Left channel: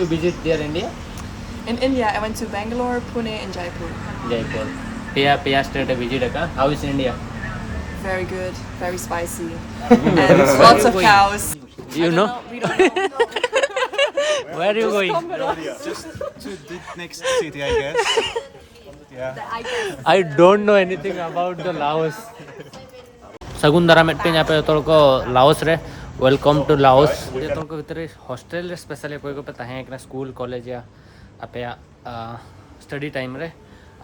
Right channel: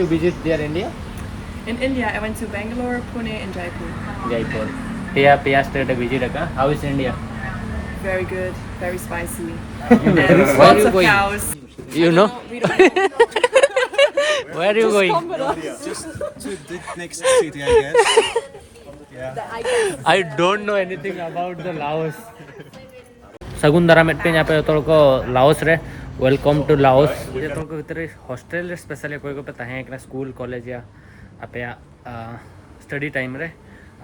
You visit there India? In India, I went to Bangalore, Pune, and Jaipur. Jaipur. Pia state visit ka? How is India? Very good, very spicy, Where and are lots you of going? cows. You know? We don't know. Where are you going? Just to the next city, I guess. Yeah. I don't know anything about the Laos. Sagun Daram पे यहाँ पे तो को Laos रे welcome to Laos ये तो को भीतर हॉस्टल रे स्पेशली कोई को पे ताहें एक स्कूल कॉलेज या आपे स्टडी टाइम रे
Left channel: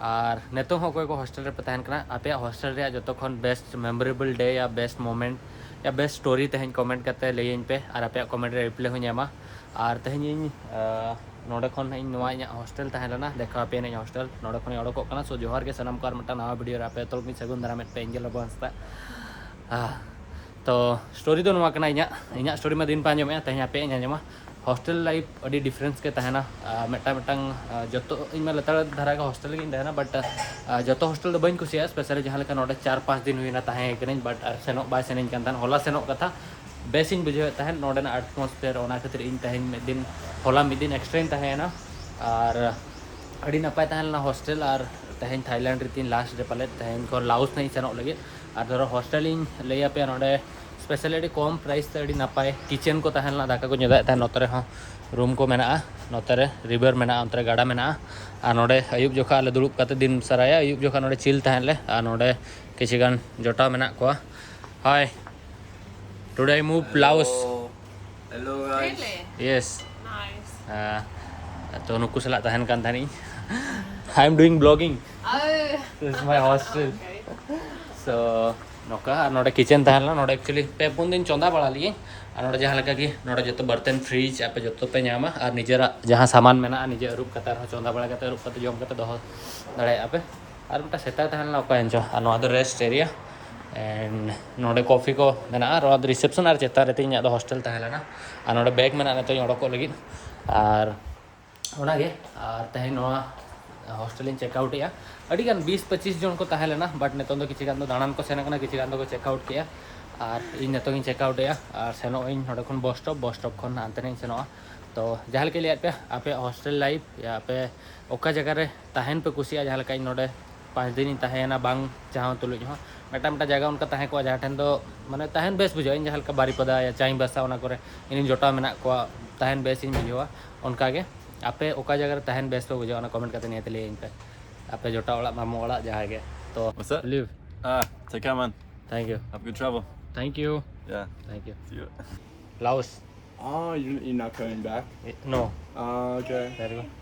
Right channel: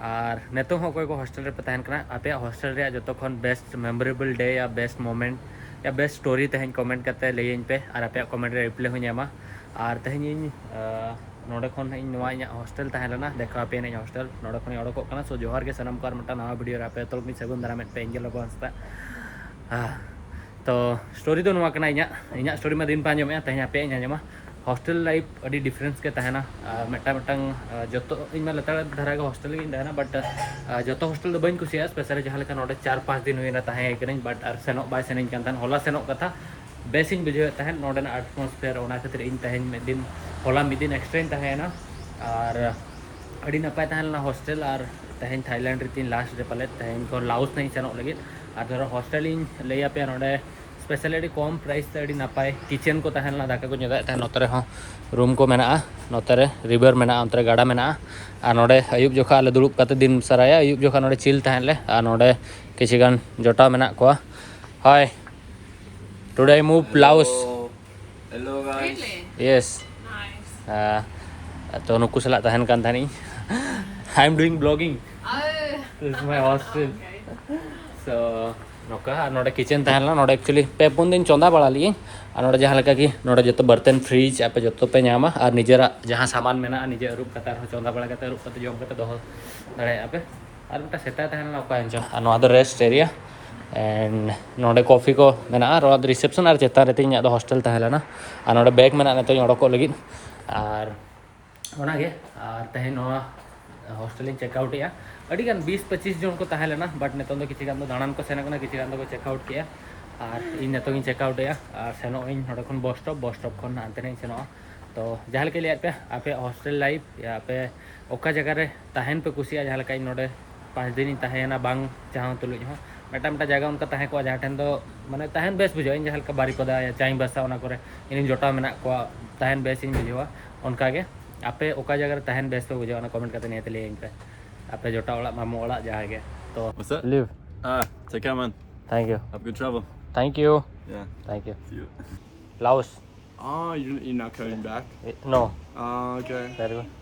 और नेतो हो कोई को हॉस्टल रे पे ताहें कना आपे हॉस्टल रे जो तो खन बेस्ट मेमोरेबल डे या बेस्ट मोमेंट या बेस्ट स्टोरी तहें कमेंट करते ले इन पे और आपे कमेंट रे रिप्लाई हो ᱧᱟᱢᱟ और तहें इन नोडे खन इन नवा इन हॉस्टल तहें लेना देखा पे इन हॉस्टल नोडे खन ओडको कना सो जोहार के सनम कार मटा नवा वीडियो रे आपे तो मी सगुन दाराम पे एंजल लाबाहांसदा तो स्टोरी तो नुआ कना इना स्टोरी में दिन पा आंजम तेज पे आंजमा हॉस्टल लाइफ अभी डिफरेंस के तहना जो इन लतार धारा के हॉस्टल तहना बट जो हॉस्टल तो बी कुसिया स्पेशली जहाँ लेका 4-5 दिन हुई तहें बट और सेनो बै सेन कान होला सेनो कथा बेस बुझे तहन नोडेना एटमोसफेयर ओना खातिर इन तहें मिद दिन होला मिद दिन एक्सट्रा तहेना और अड़ी नपाय तहना हॉस्टल और तहें थाईलैंड रीतिन लास्ट रे पाले तहें को लाओस नहीं सेनो लगे और धरो हॉस्टल लैया पे नोडे स्पेशली अड़ी कम प्राइस ते अड़ी नपाय किचन को तहना दाका को जुदा तहन नोतरे हो रूम को मेना नोतरे रिवर मेना अंतरे गाड़ा मेना और नोडे अयुब जोखा आले दुड़ुब काते दिन सराया अयुब जोखा नोडे चिल तहन ले और नोडे किछि गान जोटा मेना को hi today I move Laos Hello guys. Really? Yes Nice. तो नुकु सला तहन कान थानी I am doing blogging this is my hostel so नौका नोडे किचन तहना नोडे एक्चुअली पे पुन दिन चंदा बड़ा लिए और नोडे जहाँ लगा कि नोडे जो बर्तन फ्रिज आप जो पे नामा और निजेरा जहाँ सामान मेना निजे अरूब कतार चंदा बड़ा कते अरूब कते जम कते दोहो दाड़े आपे और मिटा सेता तहना ओका एंजो और नोआ दो रेस्ट एरिया एंड नोडे कॉफी को मेना और रिसेप्शन और चेता रहते इन हॉस्टल तहलेना और नोडे बैग मेना नेतो ओडको लगी और ओनागे और तहें नोआ हॉस्टल चेकआउट अड़ीगान 20-25 जन को तहें लेना बट नितों दो किछि गान दो दाणान को सेना कना किछि गान दो चेकआउट किया और इन नितों चेकआउट और सेनो इन नोडे खन बस स्टॉप खन हानते नहीं सेनो तो जहाँ के लिए पे आपे हॉस्टल लाइफ या पे ओका जगह रे तहें पे कुसिया जहाँ लेका नोडे 5 दिन तहेना बांग जहाँ तुलुज हो मेटा मेटा जगह उनका तहें को जहाँ ठेन दो माने तहें बेस बुझा इन जहाँ लेका बारीपदा या चाई बसा ओना करे इन जोटा मेना को तहें बेस इन बुझा उनका के आपे ओका जगह तहें बेस पे बुझा कमेंट करते नहीं ले इन पे आपे जोटा ओला मामू ओला जहाँ के तो What's up? Live Take care, man. Thank you Have good travel. Thank you Yeah. Thank you See you. Laos Oh, you're not coming back? No Okay. Very good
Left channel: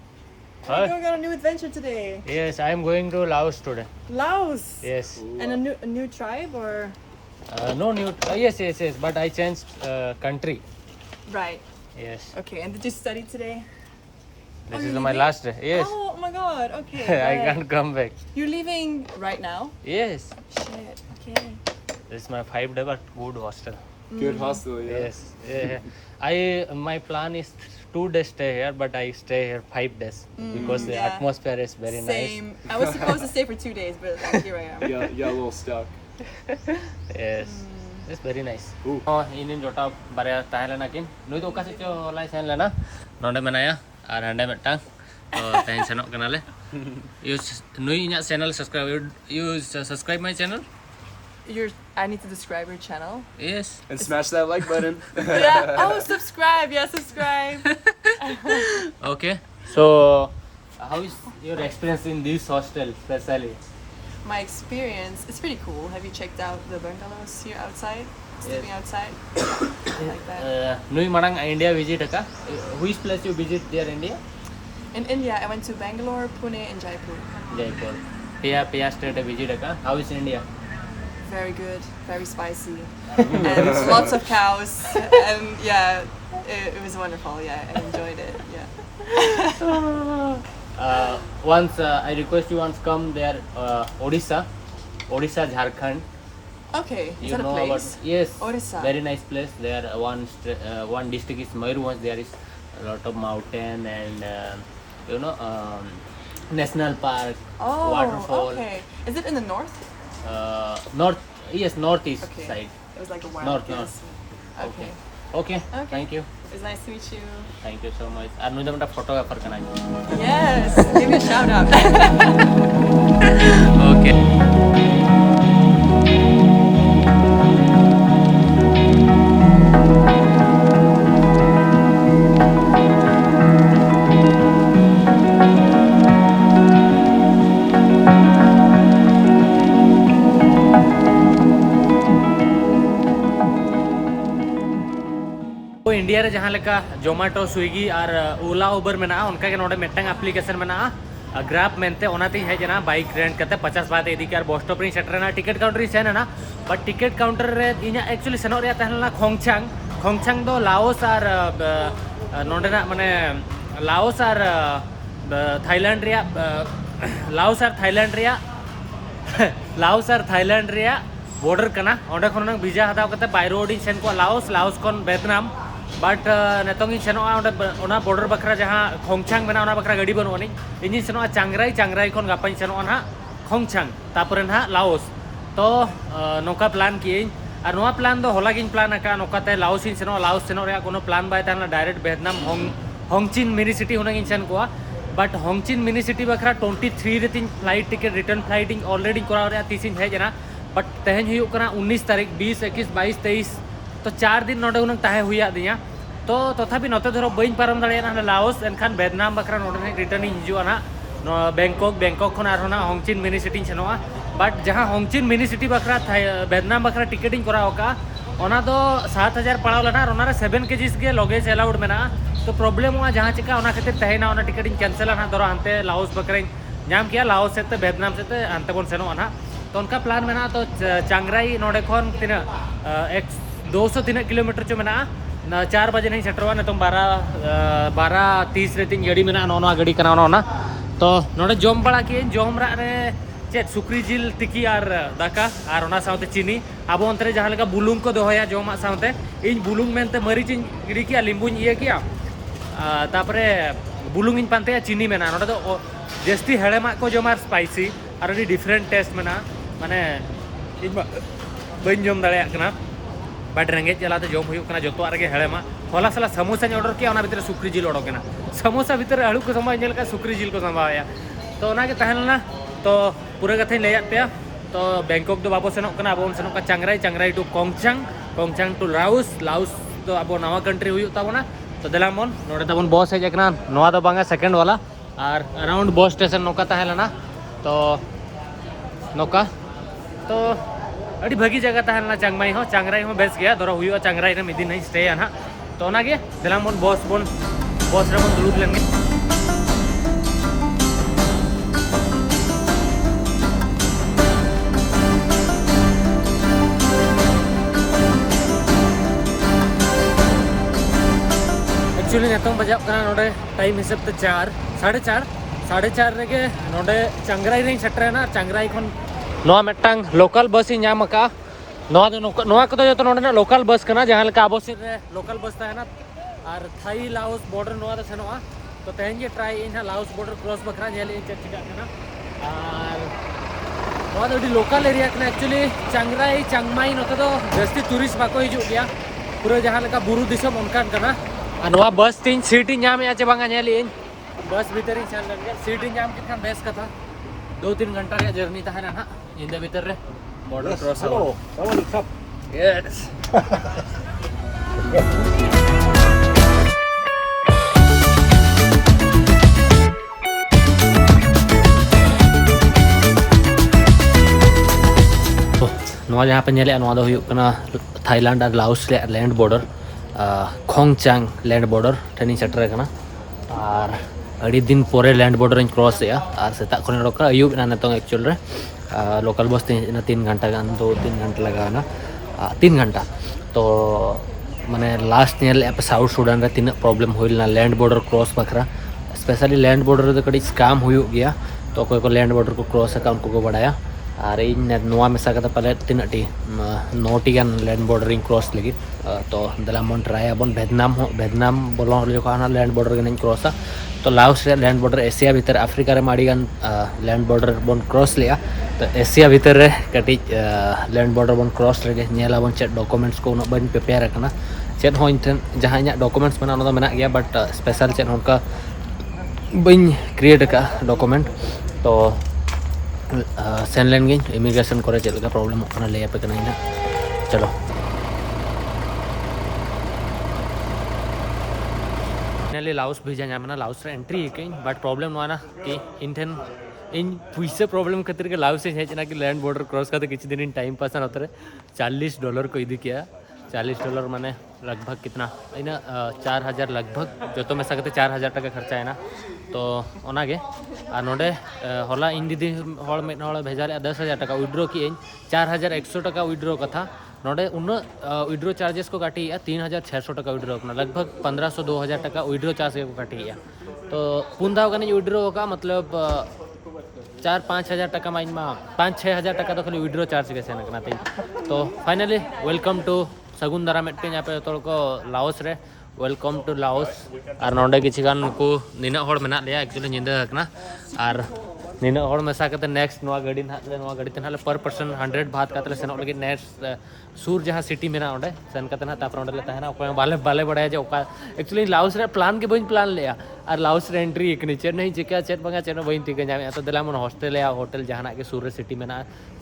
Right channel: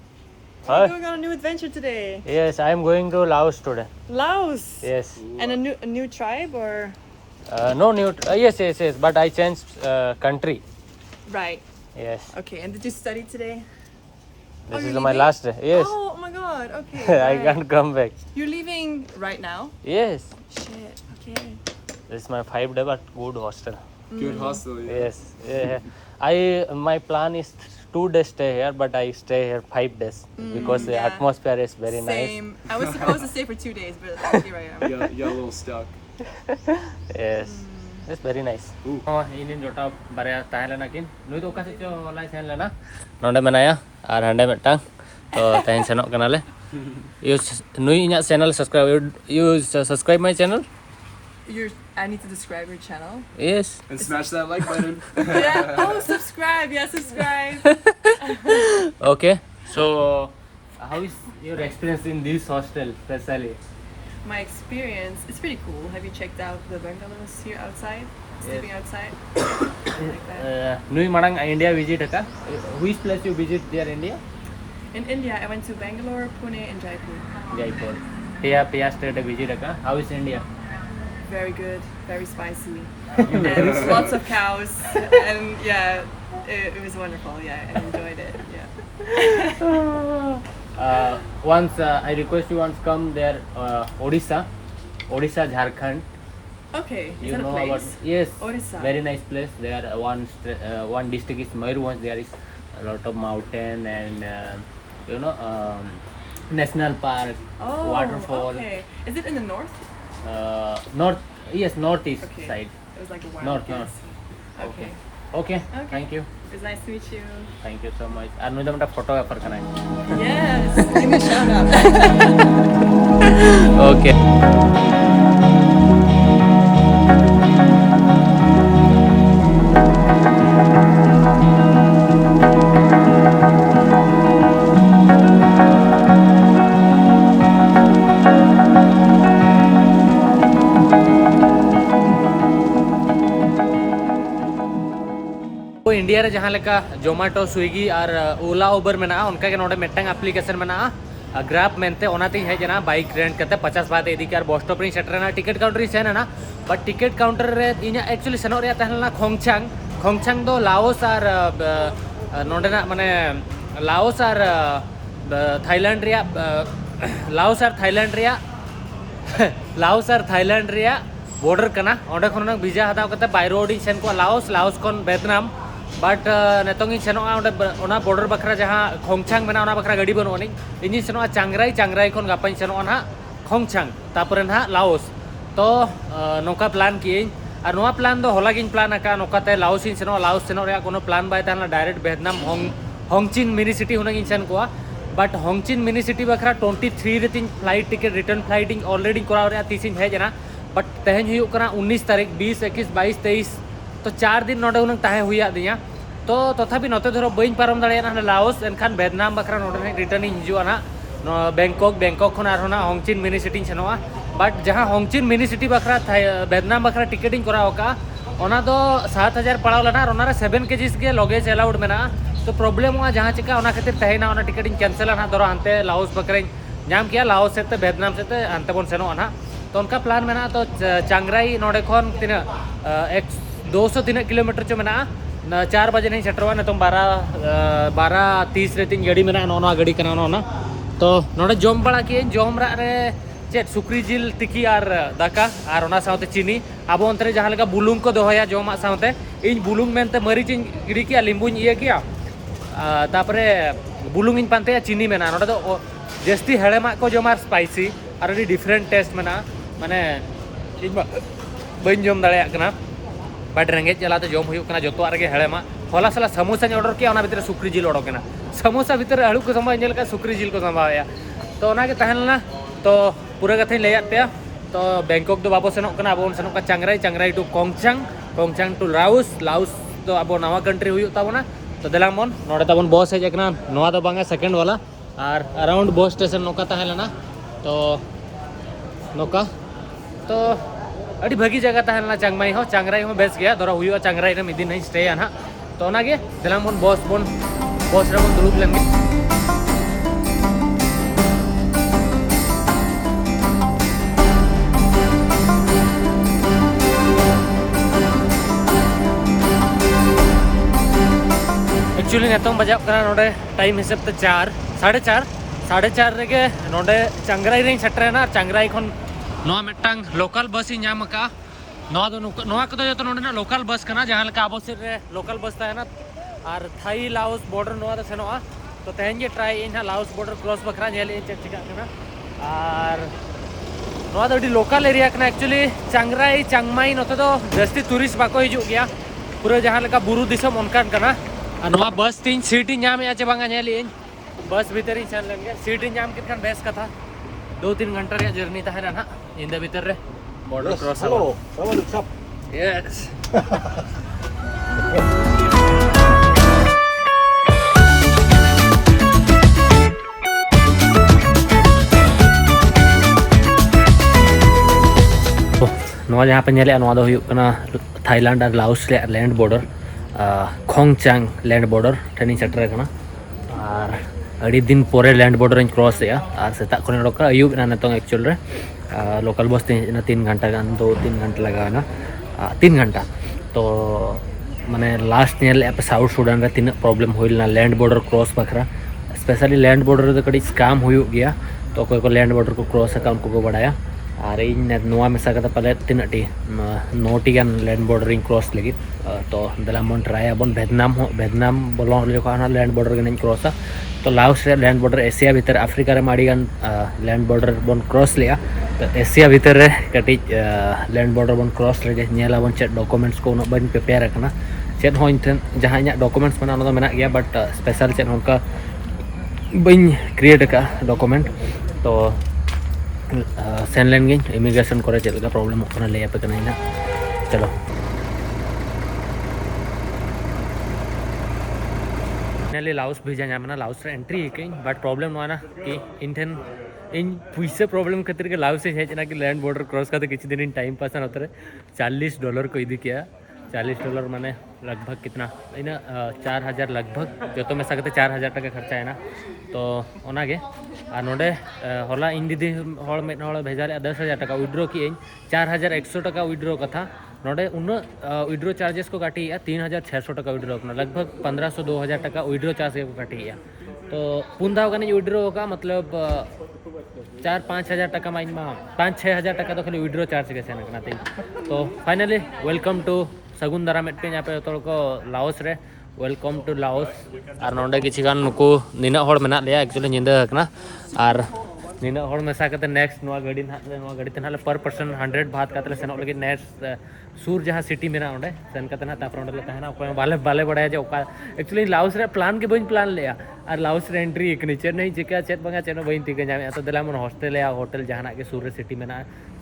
We're going on a new adventure today. yes I am going to Laos today Laos. yes And a new tribe or? no new yes but I changed country Right. yes Okay. And did you study today? this you're is my leaving? last day yes Oh my God. Okay. I right. can't come back You're leaving right now? yes Shit. Okay. this is my 5-day but good hostel Good hostel, yeah. yes my plan is 2 days stay here but I stay here 5 days because the yeah. atmosphere is very Same. I was supposed to stay for 2 days, but like, here I am. You got a little stuck. nice yes it's very nice Ooh. inin jota bare tahelena kin nui to ka se cho lai sen lena nonde menaya ar hande metang to tahen senok kanale you nui inya channel you subscribe my channel I need to describe your channel. yes And smash that like button. Yeah. Oh, subscribe. Yeah, subscribe. okay so how is your experience in this hostel especially My experience, it's pretty cool. Have you checked out the bungalows here outside? Sleeping outside? Like that. nui marang India visit ka which place you visit there India In India, I went to Bangalore, Pune, and Jaipur. Jaipur pia state visit ka how is India Very good, very spicy, and lots of cows. And yeah, it was wonderful. Yeah, I enjoyed it. Yeah. once I request you once come there Odisha Jharkhand Okay. Is you that know a about place? yes Odisha. very nice place there one district is Mayurbhanj there is a lot of mountain and you know national park Oh, waterfall okay. Is it in the north? northeast Okay. side It was like a wild north place. okay Okay. thank you It was nice to meet you. Thank you so much. আর নুই দমটা photographer Kanai Yes. Give me a shout out. Okay. India रे जहाँ लेका जोमेटो स्विगी और ओला उबर में ना उनका के नोडे मिट्टंग एप्लीकेशन में ना ग्रैब मेनते ओनाते है जना बाइक रेंट करते 50 बात इदी के बस स्टॉप री सेटर ना टिकट काउंटर री सेन ना बट टिकट काउंटर रे इना एक्चुअली सेनो रे तहलना खोंगचांग दो लाओस और नोडे ना माने लाओस और थाईलैंड रिया लाओस और थाईलैंड रिया बॉर्डर कना ओंडे खन वीजा हताव करते बाय रोड इन सेन को लाओस खन वियतनाम बट नेतों सेनोआ ओना बॉर्डर बखरा जहाँ खोंगचांग में ओना बखरा गाड़ी बनोनी इन सेनोआ चांगराई खन गापाई सेनोआ ना खोंगचांग तापरे ना लाओस तो नोका प्लान किए और नोआ प्लान दो होला गिन प्लान आका नोकाते लाओस इन सेनोआ लाओस सेनो रे कोनो प्लान बाय ताना डायरेक्ट वियतनाम होंगचिन मिनी सिटी होना इन सेन को बट होंगचिन मिनी सिटी बखरा 23 रे तीन flight ticket return flight already कराव रे 30 हेजना बट तेहन हुई 19 तारीख 20 21 22 23 तो 4 दिन नोडे उनंग ताहे हुई दिया तो तथापि नोते धरो बइन पारम दाड़ेना लाओस एनखान वियतनाम बखरा नोडे रिटर्न हिजुआ ना बैंकॉक खन आरहोना होंगचिन मिनी सिटी सेनोआ बट जहाँ होंगचिन मिनी सिटी बखरा वियतनाम बखरा टिकट कराव का ओना दो 7000 पड़ाव लेना और ओना रे 7 kg के लगेज अलाउड मेना तो प्रॉब्लम हुआ जहाँ चिका ओना खातिर तहेना ओना टिकट कैंसिल ना दरो हानते लाओस बखरा नाम किया लाओस से वियतनाम से हानते बन सेनोआ ना तो उनका प्लान में तो चांगराई नोडे खन तीना 200 तीना किलोमीटर चो मेना 4 बजे नहीं सेटरवा ने तो 12:30 रे तीन गाड़ी मेना नोना गाड़ी कना ना तो नोडे जम बड़ा किए जम रा रे चेत सुक्री जिल तिकी और दाका और ओना साउते चीनी आबो अंतरे जहाँ लेका बुलुंग को दोहया जमा साउते इन बुलुंग मेनते मरीच गिरी किया लिंबुन इये किया तापरे बुलुंग इन पानते चीनी मेना नोडे तो जस्ती हेड़ेमा को जमा स्पाइसी और अभी डिफरेंट टेस्ट मेना माने बन जम दाड़ा कना बट रेंगे चलाते जम हुई जो रे हेड़ेमा होला साला समोसा ऑर्डर किया भीतर सुक्री जिल ओडोकना समोसा भीतर आलू को संभाव का सुक्री जिल को संभावया तो ओनागे तहलना तो पूरा कथा लैयाद पे तो बैंकॉक दो बाबो सेनोक अब सेनोक चांगराई टू खोंगचांग टू लाओस तो अब नवा कंट्री हुई ताबोना तो देलाम बन नोडे ताबोन बस हेजना नवा दो बांगा सेकेंड वाला और अराउंड बस स्टेशन नौका तहलना तो नौका तो अड़ी भागी जगह तहलना चांगराई हो बेस गया दरा हुई चांगराई रे मिदिन नहीं स्टे ना तो ओनागे देलाम बन बस रे बन दुलुब लेंगे एक्चुअली नेतों बजाव नोडे टाइम हिसाब से 4:30 रेगे नोडे चांगराई रे सेटरेना चांगराई खन नोआ मेटांग लोकल बस ही नाम का नोआ को जो नोडे लोकल बस कना जहाँ लेका आबो से लोकल बस ताहेना और थाई लाओस बॉर्डर नोआ दो सेनोआ तो तेहन जे try in Laos border cross बखरा नेल चेक चिका कना और नोआ दो लोकल एरिया कना एक्चुअली चांगराई चांगमाई नोते दो जस्ती टूरिस्ट बाको हिजु गया पूरा जहाँ लेका बुरु दिसम उनकान कना और नोआ बस तीन सीट नाम चे बांगा नेल बस भीतर ही सेन लेंगे सीट नाम कितखान बेस कथा 2-3 घंटा रे जर्नी तहना ना इंदे भीतर रे बॉर्डर क्रॉस यस नोआ जहाँ पे नेले नोआ दो हुयुग कना थाईलैंड और लाओस रे लैंड बॉर्डर खोंगचांग लैंड बॉर्डर ठेनी सेटर कना और अड़ी दिन पोरे लैंड बॉर्डर क्रॉस और सेता खन रोका अयुब ना नितों एक्चुअल रे लोकल बस 3 घंटा गान 2-3 घंटा लगाना 3 घंटा तो माने लास्ट नेल साउथ सुडान रे तीन प्रॉब्लम होइलना लैंड बॉर्डर क्रॉस बखरा स्पेशली लैंड बॉर्डर रे कड़ी स्कैम हुयुग गया तो कोई को लैंड बॉर्डर को क्रॉस का उनको को बड़ाया और इन नोआ मेसा कता पाले 9 टी गान लैंड बॉर्डर क्रॉस लगी तो दलामन ट्राई अबन वियतनाम बोलो लैंड बॉर्डर गन क्रॉस तो लाओस रे लैंड बॉर्डर एशिया भीतर अफ्रीका रे माड़ी गान लैंड बॉर्डर बन क्रॉस लिया तो एशिया भीतर रे कटी लैंड बॉर्डर बन क्रॉस रे नेला बन चेक डॉक्यूमेंट्स को उन बन प्रिपेयर करना चेट हो इन ठेन जहाँ इᱧᱟᱹᱜ डॉक्यूमेंट्स मेना ओना दो मेना गया बट स्पेशल चेट होनका बइन क्रिएट का डॉक्यूमेंट तो सेन लेन गिन इमिग्रेशन करे चेट का प्रॉब्लम होना ले पे कना इना चलो फाइनली लाओस भेजा नामना लाओस रे एंट्री कई बट प्रॉब्लम नोना कि इन ठेन इन पुइसे प्रॉब्लम खातिर के लाओस से हेजना कि लैंड बॉर्डर क्रॉस करते किसी दिन इन टाइम पास ना होते $40 को इदी किया $40 माने लगभग कितना इना 4000 लगभग जो तो में सकते 4000 टका खर्चा है ना तो ओनागे आ नोडे होला इन दीदी हॉल में हॉल भेजा ले 10,000 टका विड्रॉ की 4100 टका विड्रॉ का था नोडे उन विड्रॉ चार्जेस को काटी 3600 टका विड्रॉ करना लगभग 1500-2000 टका विड्रॉ चार्ज को काटी गया तो पुंदा का विड्रॉ होगा मतलब 4-5 हज़ार टका माइन में 5-6 हज़ार टका तो खाली विड्रॉ चार्ज के सेन करना तो फाइनली वेलकम टू सगुन दाराम पे यहाँ पे तो को लाओस रे वेलकम टू लाओस और नोडे किसी गान नुकु निना हॉल में लिया एक्चुअली निंदा हकना और निना हॉल मेसा करते नेक्स्ट नवा गाड़ी ते नाले पर पर्सन 100 बात करते सेन लगे नेक्स्ट सूर जहाँ सिटी में ओंडे सेन करते ना तापर ओंडे ले तहना बाले बाले बड़ा जो एक्चुअली लाओस रे प्लान के बइन प्लान लिया और लाओस रे एंट्री एक नीचे नहीं चिका चेट बंगा चेट बइन तिके जामे तो दिला मन हॉस्टल या होटल जहां के सूर सिटी में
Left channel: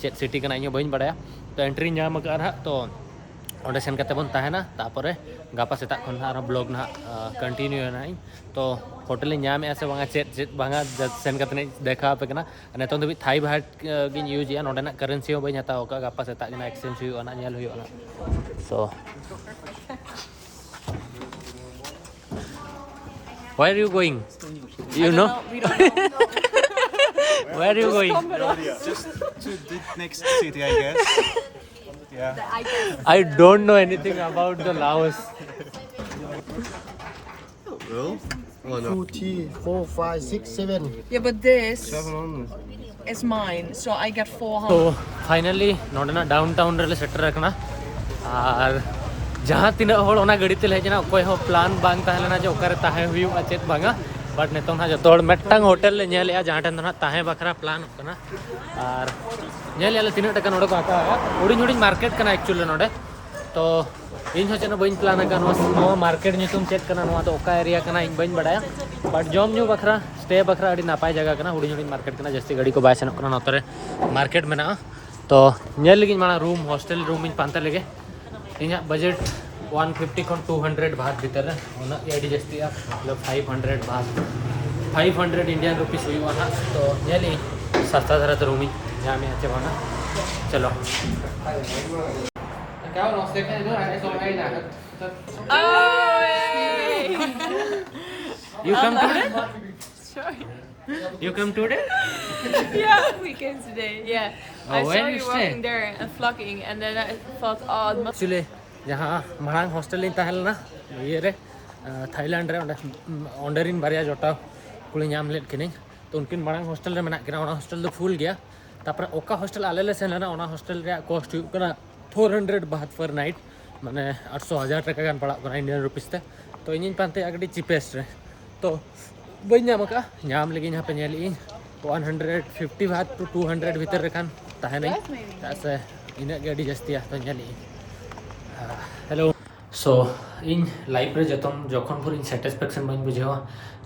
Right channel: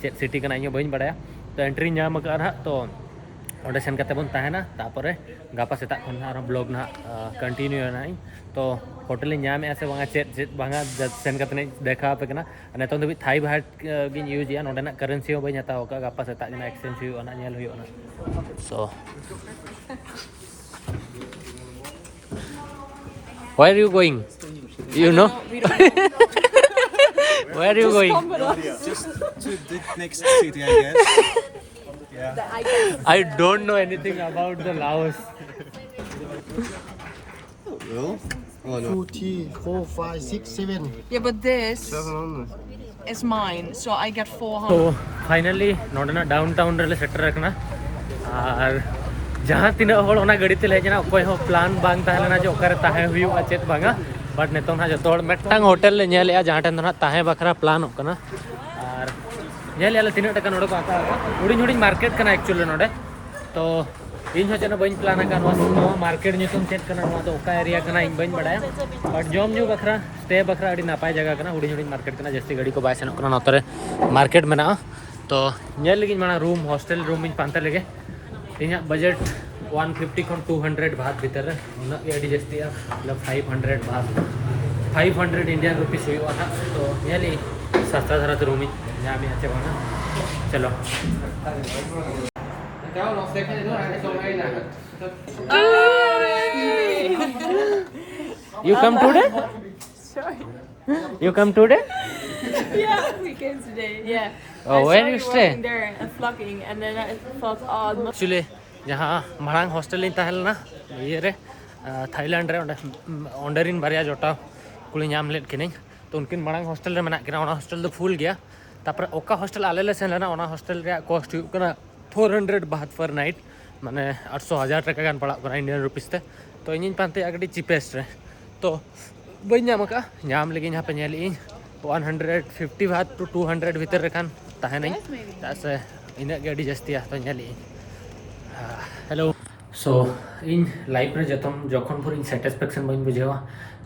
चेट सिटी का इन बइन बड़ा तो एंट्री नाम कर तो ओंडे सेन करते बन तहना तापरे गापा सेता खन ब्लॉग ना कंटिन्यू ना तो होटल नाम से बंगा चेट चेट बंगा सेन करते देखा पे कना नेतो दबी थाई भाट गिन यूज या नोडे ना करेंसी हो बइन हताओ का गापा सेता ना एक्सचेंज हुई ना नेल हुई ना सो where are you going you know We don't know. where are you going Just to the next city, I guess. Yeah. I don't know anything about the Laos 2, 3, 4, 5, 6, 7. Yeah, but this is mine, so I get 400. तो finally नोडना downtown रे shutter रखना और जहाँ तीन hall ओना गाड़ी ते लेजना कोई हो प्लान बांग ताहेना जो ओकर ताहे हुई चेत बांगा बट नेतो ना जो मेटंग होटल ले नेले जहाँ टन ना ताहे बखरा प्लान होकना और नेले तीन टका नोडे को आता है हुडिंग हुडिंग मार्केट कना एक्चुअली नोडे तो इन हो चेना बइन प्लान का नो मार्केट नितुम चेक करना नो तो ओका एरिया कना इन बइन बडाया but germ new Bakhra stay बखरा अड़ी नापाय जगह कना हुडिंग हुडिंग मार्केट कना जस्ती गाड़ी को बाय सेनो कना नोतरे मार्केट में ना तो नेल लगी माना room hostel room in panta लगे इन बजट 150 खन 200 बात भीतर उना एडी जस्ती मतलब 500 बात 500 इंडियन रुपीस हुई था तो नेली सस्ता धरा तो रूम यहाँ में अच्छे बना चलो You come today? Sure. You come today? Yeah, we came today. Yeah. Oh, I where saw you you stay? walking there and vlogging, and then I thought, oh, it must Actually जहाँ मांग hostel इन तहल ना ये रे Thailand रे ओंडरिन बारिया जोटा कुली नाम late किने तो उनकिन मांग हॉस्टल रे मना किना ओना हॉस्टल तो फुल गया तापर ओका हॉस्टल आले ले सेन ना ओना हॉस्टल रे कॉस्ट कना 400 बात पर नाइट माने 800,000 टका गान पड़ा कना इंडियन रुपीस ते तो इन पानते अगडी चीपेस्ट रे तो बइन नाम का नाम लगी यहाँ पे नेली 150 बात टू 200 भीतर रेखान ताहे नहीं तासे इन गाड़ी जस्ती तो नेली हेलो सो इन लाइफ रे जखन भर इन सैटिस्फैक्शन बन बुझेवा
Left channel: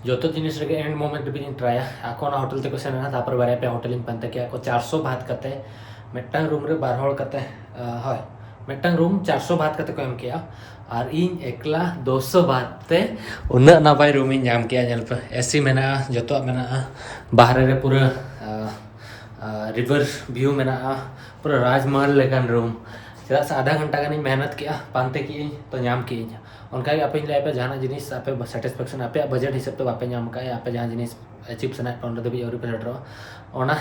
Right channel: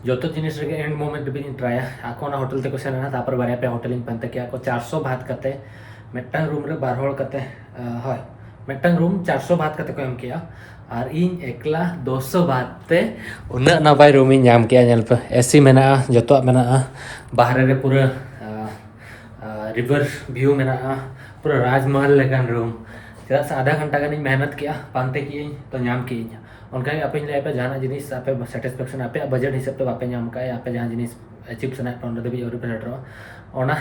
जो जिनिस रे एंड मोमेंट भी ट्राया आको ना होटल ते को सेना तापर बारे पे होटल इन पंते के आको 400 बात करते मेटंग रूम रे 12 हॉल करते हाय मेटंग रूम 400 बात करते को एम किया और इन एकला 200 बात ते उना नपाय रूम इन नाम किया नेल पे एसी मेना जतो मेना बाहर रे पूरा रिवर व्यू मेना पूरा राजमहल लेकन रूम चला से आधा घंटा गानी मेहनत किया पानते की तो नाम की उनका आपे ले पे जहां जिनिस आपे सैटिस्फैक्शन आपे बजट हिसाब पे आपे नाम का आपे जहां जिनिस अचीव सना पंद्रह दबी और पे हटरो ओना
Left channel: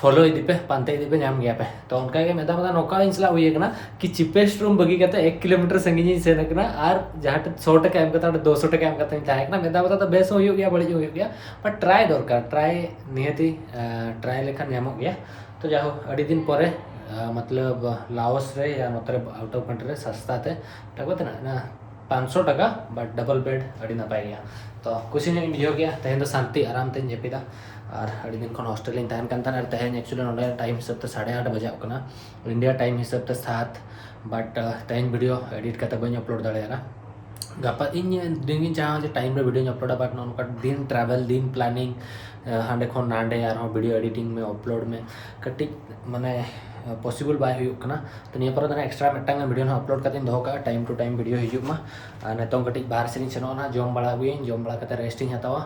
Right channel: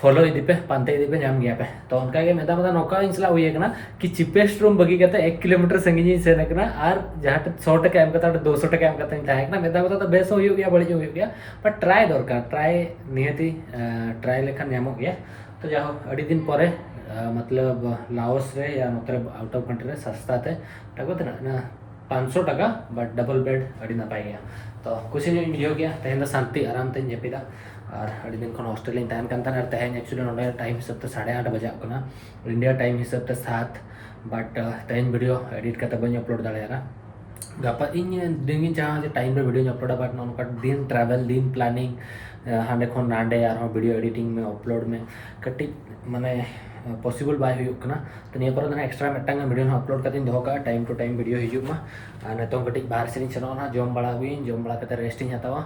फॉलो इदी पे पानते इदी पे नाम गया पे तो उनका के मेदा मेदा नोका इंसला हुई है कि चिपेस्ट रूम बगी करते 1 किलोमीटर संगीनी से नकना और जहां 100 टका एम करता 200 टका एम करता था ना मेदा मेदा तो बेस हो गया बड़ी हो गया पर ट्राई दरकार ट्राई निहती ट्राई लेखन नाम गया तो जाओ अड़ी दिन परे मतलब लाओस रे या मतलब आउट ऑफ कंट्री रे सस्ता थे तक ना 500 टका बट डबल बेड अड़ी ना पाई गया तो कुछ नहीं बुझे गया तेहन शांति आराम ते जपिदा और अड़ी दिन खन हॉस्टल इन तहन कान और तेहन एक्चुअली नोडे टाइम हिसाब ते 8:30 बजाव कना इंडिया टाइम हिसाब ते 7 बट तेहन वीडियो एडिट करते बन अपलोड दाड़ा गापा इन दिन चाहा जे टाइम रे वीडियो अपलोड बट नोका दिन ट्रैवल दिन प्लानिंग हांडे खन नांडे और वीडियो एडिटिंग में अपलोड में कटी माने पॉसिबल बाय हुई कना तो निया पर एक्स्ट्रा मिटांग वीडियो अपलोड करते दोह का टाइम टू टाइम वीडियो हिजुमा नितों कटी बाहर से सेनोना जम बड़ा हुई जम बड़ा करते रेस्टिंग हतावा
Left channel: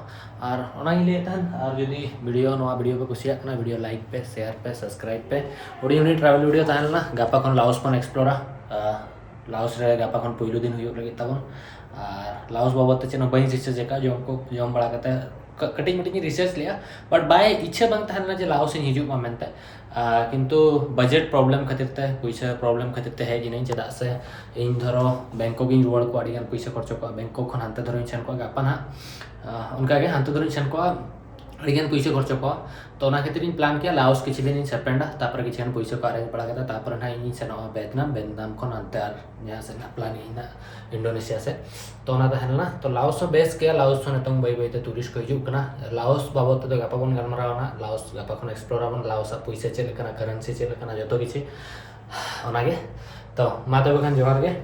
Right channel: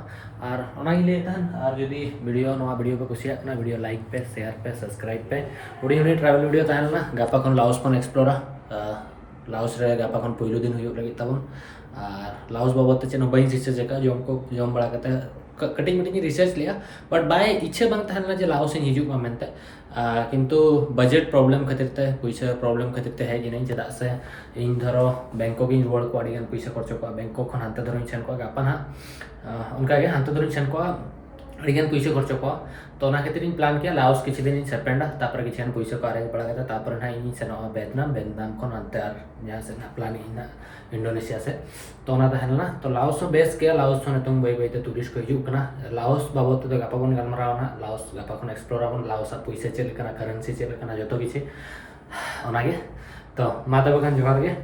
और ओनाई ले तहन और जदी वीडियो पे कुसिया कना वीडियो लाइक पे शेयर पे सब्सक्राइब पे उड़ी ट्रैवल वीडियो तहलना गापा खन लाओस खन एक्सप्लोरा लाओस रे गापा खन पहिलो दिन हुई लगी तबन और लाओस बाबत चेन बई रिसर्च का जम बड़ा करते कटिंग मटिंग रिसर्च लिया बट बाय इच्छा बंग तहलना जे लाओस इन हिजुमा मेनते किंतु बजेट प्रॉब्लम खातिर ते पैसा प्रॉब्लम खातिर ते है जिन चेदा से इन धरो बैंकॉक इन रुआड़ को आडिगान पैसा खर्च को बैंकॉक खन हानते धरो सेन को गापा ना उनका के हानते धरो सेन को आडिगान पैसा खर्च को तो ना खातिर इन प्लान किया लाओस किछि दिन इन सेपेंडा तापर किछि न पैसा को अरेंज पड़ा करता तापर ना इन सेन वियतनाम खन हानते आर जहां से प्लान इन इंडोनेशिया से तो ना तहलना तो लाओस बेस के लाओस ने तुम बई बई टूरिस्ट को हिजुक ना लाओस बाबत तो गापा बन गलमारावना लाओस गापा खन एक्सप्लोर आबन लाओस पैसा चेक करेंसी चेक जतो किछि ओनागे तो मा तबे खान जोहार गे।